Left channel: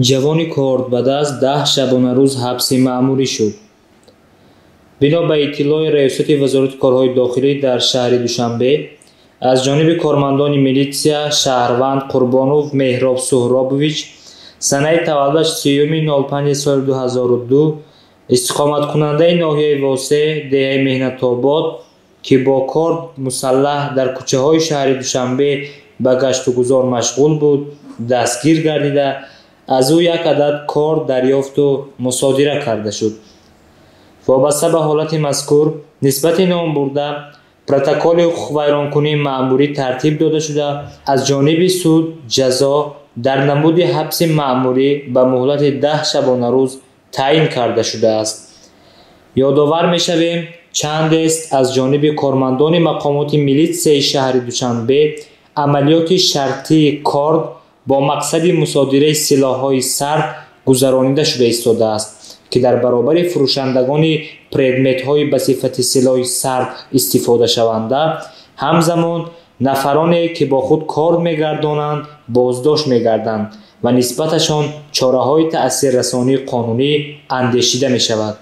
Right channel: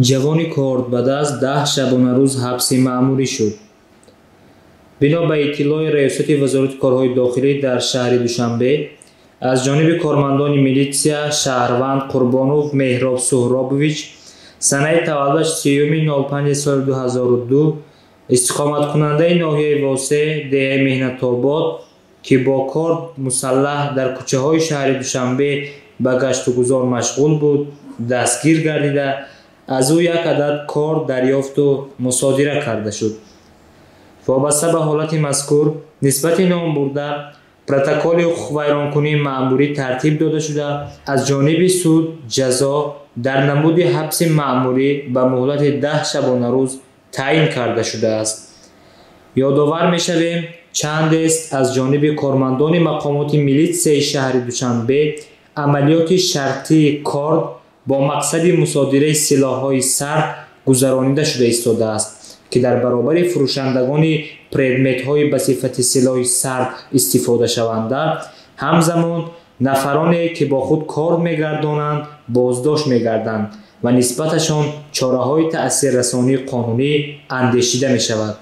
جوانی کرد بعد از 10 شبانه روز حبس مأموری شد. بنا به اطلاع ریاست وزارت کارهای داخلی در شهر دوشنبه از جانب کارمندان میلیسیا شهروند قربانوف مهراب سهرابویچ سنه تولدش 30 سال 2002 استقامت کننده ناحیه واسه ده مهنت آباد که با کار مسلح در کوچه های شهر دوشنبه به گشت و گذار مشغول بود دستگیر گردیده از او یک عدد کار دریافت و مصادره کرده شد. وابسته به حالت مذکور نسبت نام برده پروتکل حقوق ویرانکنی مأموری ترتیب داده شده از جانب سود جزا در نمود حبس مأموری به مهلت 10 شبانه روز تعیین کرده شده است. یادآور می‌شویم چند است از جانب کارمندان مقامات میلیسیای شهر دوشنبه عملیات شرطی کارد با مقصد مصادره سلاح‌های سرد گذرانیده شده ایستاده است که در برابر فروشندگان پردمت‌های به صفت سلاح سرد استفاده شونده همزمان نفرانی که با خود کار می‌گردانند بازداشت می‌گردند و نسبتشان چاره‌های تأثیررسانی قانونی اندیشیده می‌شود.